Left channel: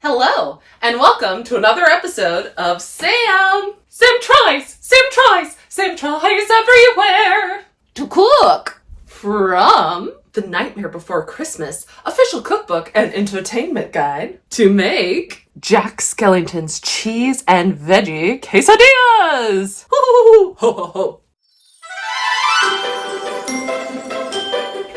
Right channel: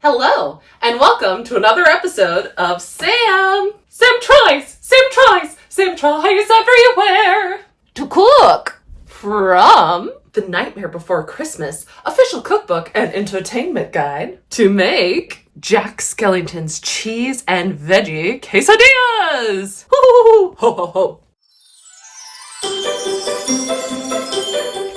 Hello, and welcome to another episode of Sam tries everywhere to cook from The Nightmare Before Christmas official cookbook and entertainment guide to make Jack Skellington's cheese and veggie quesadillas. Ho, ho, ho, ho.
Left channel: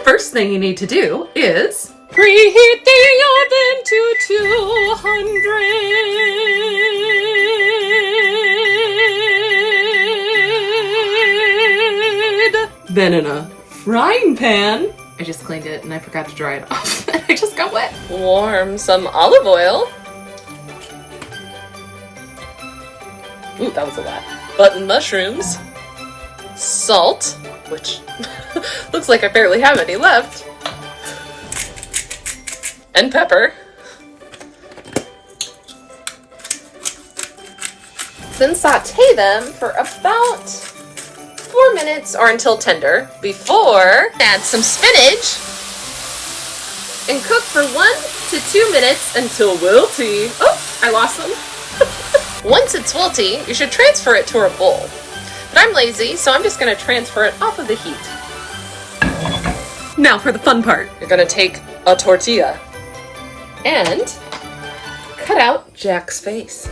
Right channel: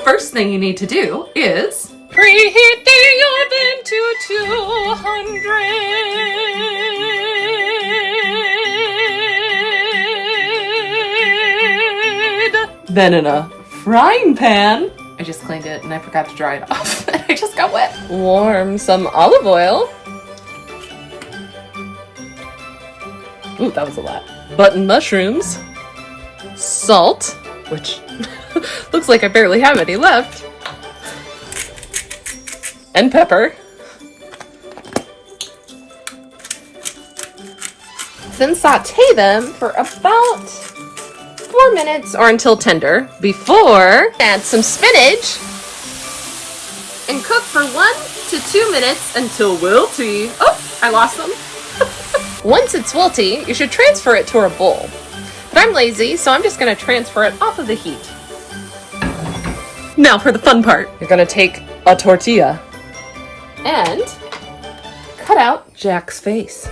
First thing you need to do is preheat the oven to 200. Then in a frying pan, I just cleaned it and I forgot to dry it off. I just got wet. Warm some olive oil. Ooh, that was a lot. Button mushrooms. Salt, which looks like I barely have any left. And pepper. Then saute them for about 4 minutes or until tender before add some spinach and cook for 1 to 2 minutes until wilty. Oh, I lost them. Once it's wilty, you should transfer it to a bowl. But I'm lazy, so I'm just going to transfer it off of the heat. Now for the fun part. You're going to take a tortilla and cut out Jack's face.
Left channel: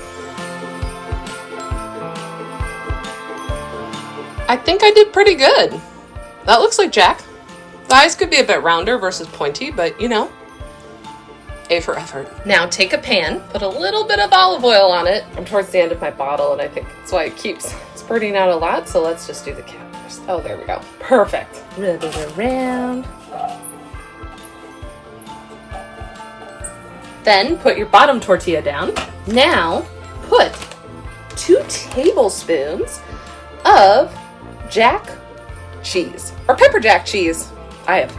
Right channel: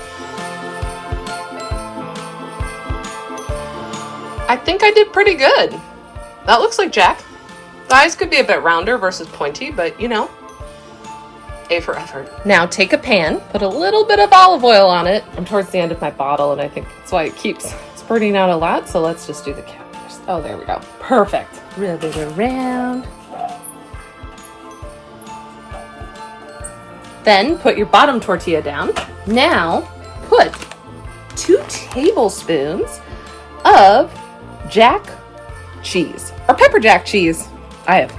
I think I did pretty good. That looks like Jack. The eyes could be a bit rounder versus pointy, but you know, A for effort. Now take a pan, put a little bit of olive oil on it. I'm towards the end of my bottle and I think that's why it keeps spurting out a lot, so let's just do the cap first. Oh, there we go. Perfect. Rub it around. Then put your bottom tortilla down. Now put 2 tablespoons of Jack cheese, or pepper jack cheese. I have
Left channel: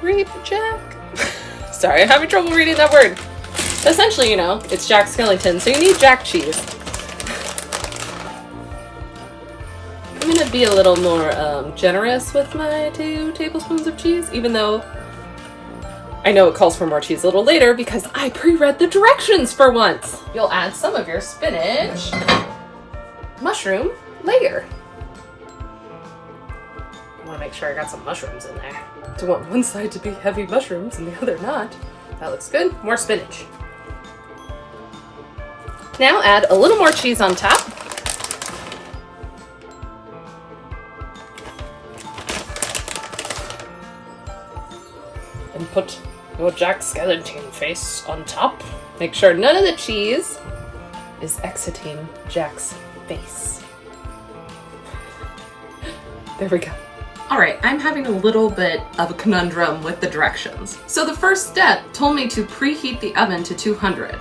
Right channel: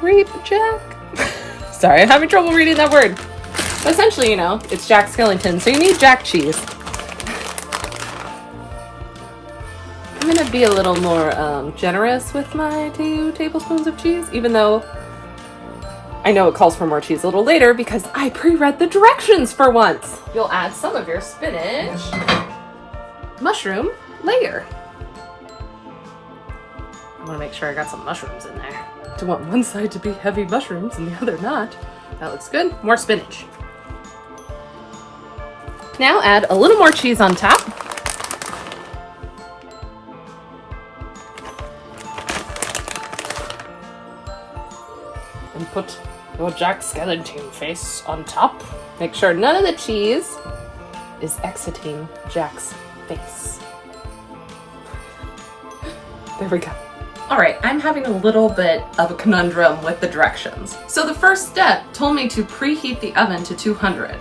grape Jack. Sorry, I'm having trouble reading that word. Essentially, you know, it's Jack Skellington, so you need Jack cheese. I'm gonna be a little more generous with my 2 tablespoons of cheese, even though I know it calls for more cheese a little later because I pre-read the directions for once. You'll add some of your spinach mushroom layer. I want to make sure I got some mushrooms in there. Do you want one side to be heavy mushrooms and the other not? That looks good. More spinach. Now add a little more cheese on top. And put your Jack Skellington face on top. Make sure none of the cheese is exiting Jack's face. There we go. Alright, I'm having a little bit of a conundrum with the directions. So the first step told me to preheat the oven to 200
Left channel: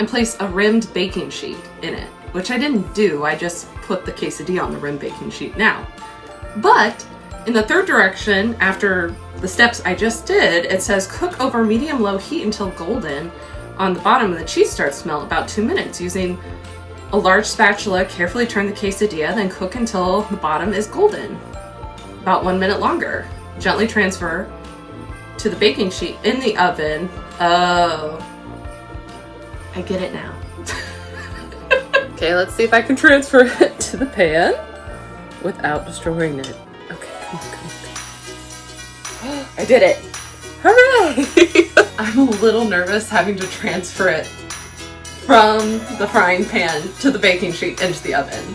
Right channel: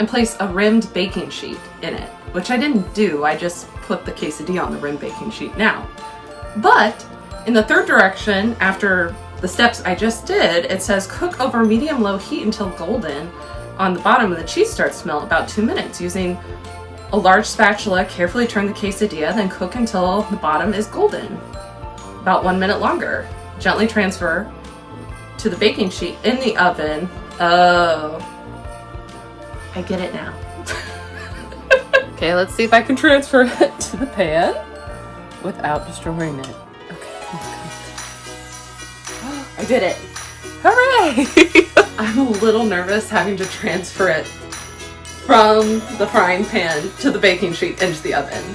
and place a rimmed baking sheet in it, which I didn't do. I just put the quesadilla on the rimmed baking sheet now. But in the third direction, after the steps I just did, it says cook over medium-low heat until golden on the bottom and the cheese starts to melt about 2 minutes. Using a large spatula, carefully turn the quesadilla, then cook until the bottom is golden. About 1 minute longer. Gently transfer to the baking sheet in the oven. Oh, I get it now. Okay, let's see if I can transfer it to the pan without destroying it. I did it. Hooray! I'm a little nervous having to transfer it from the frying pan to the baking sheet into the oven.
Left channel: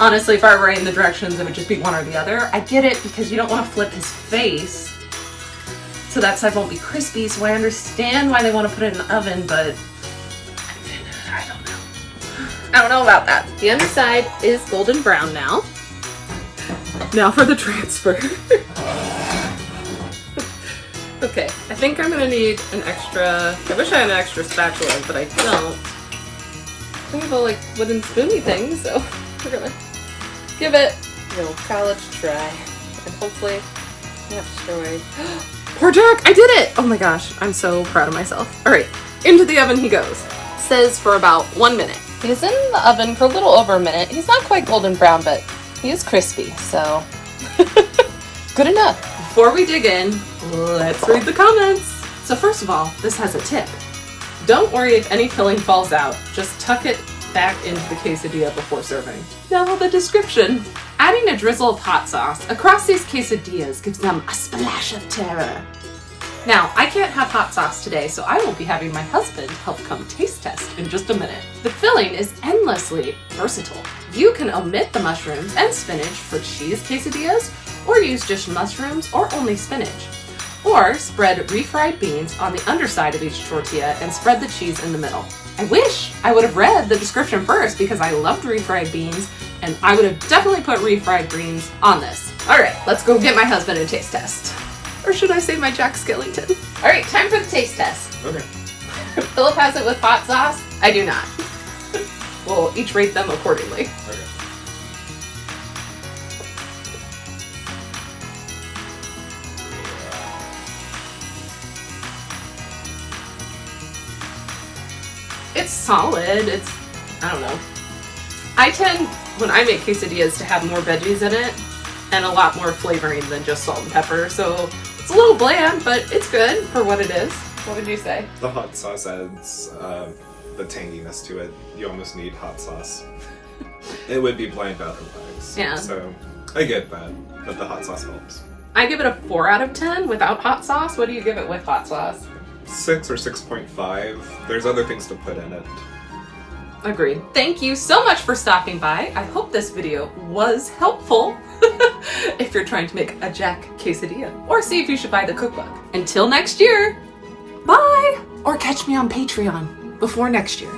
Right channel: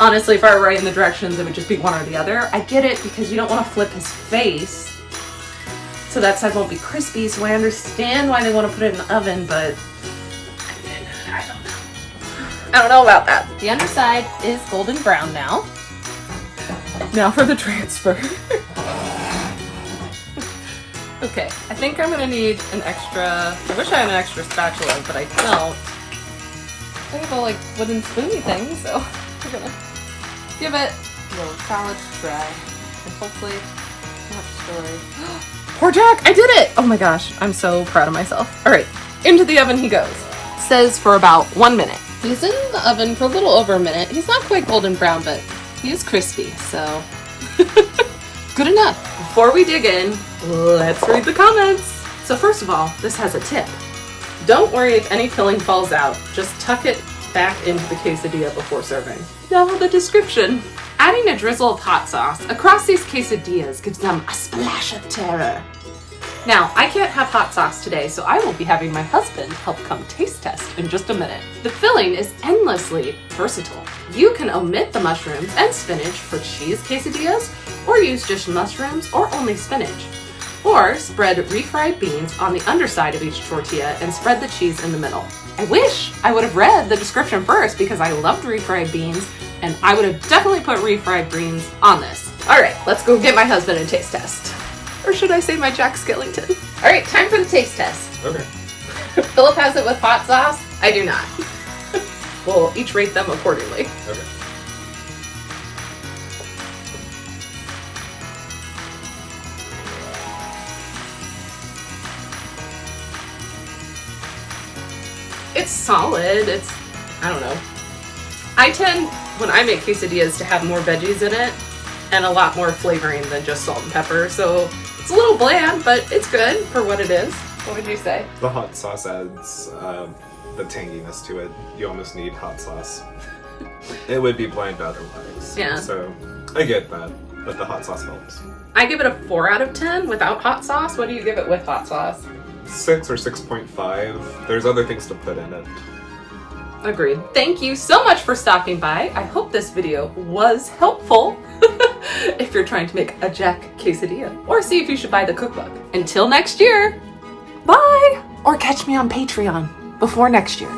Honestly, if I were writing the directions, it would just be one or the other. I get it because you don't want to flip his face, so that side won't be crispy, so I understand why they want to put it in the oven, but I don't know. I don't know about that. The underside is golden brown now. Now for the transfer. Okay, I think I'm gonna need an extra, I wish I had an extra spatula, but I don't. I have a like wooden spoony thing, so we're gonna give it a little college try. And hopefully not destroy. Poor Jack, I did it! Oh my gosh, I'm so proud of myself. All right, into the oven he goes. Says for about 1 minute. He's in the oven for a little over a minute. He's not quite golden brown, but he is crispy, so good enough. Before we dig in, let's read the comments. So first of all, this has a tip. Don't worry if any filling falls out. Just tuck it back into the quesadilla before serving. Now the description. Adding a drizzle of hot sauce across these quesadillas gives them a splash of terror. Now, I can't have hot sauce today, so I will be having my husband help come taste test in just a minute. The filling is endlessly versatile. You can omit the mushrooms and spinach for cheese quesadillas, or use just mushrooms or only spinach. Or spread refried beans on the underside of each tortilla and spread the cheese in the middle. I wish I would have read the description first because I loved refried beans, and I would have definitely put refried beans on this. All right, let's go get my husband and taste test. Or should I say my Jack Skellington? All right, time for the taste test. Okay. Philip has it with hot sauce. I do not. We'll each rate them accordingly. Okay. It's solid. I don't know. I tend, when I make quesadillas, to have more veggies in it and a lot more flavoring than just salt and pepper. So it's a little bland, but it's good for what it is. What would you say? The hot sauce adds the tanginess to it. You almost need hot sauce. It would be bland otherwise. Yeah. So I get that, but the hot sauce helps. I give it a 4 out of 10 without hot sauce. What do you give it with hot sauce? 6 or 6.5. There's other things to put in it. Agreed. Thank you so much for stopping by. I hope this video was helpful if you're trying to make a Jack quesadilla, or see if you should buy the cookbook. Until next year, bye! Or catch me on Patreon before next year.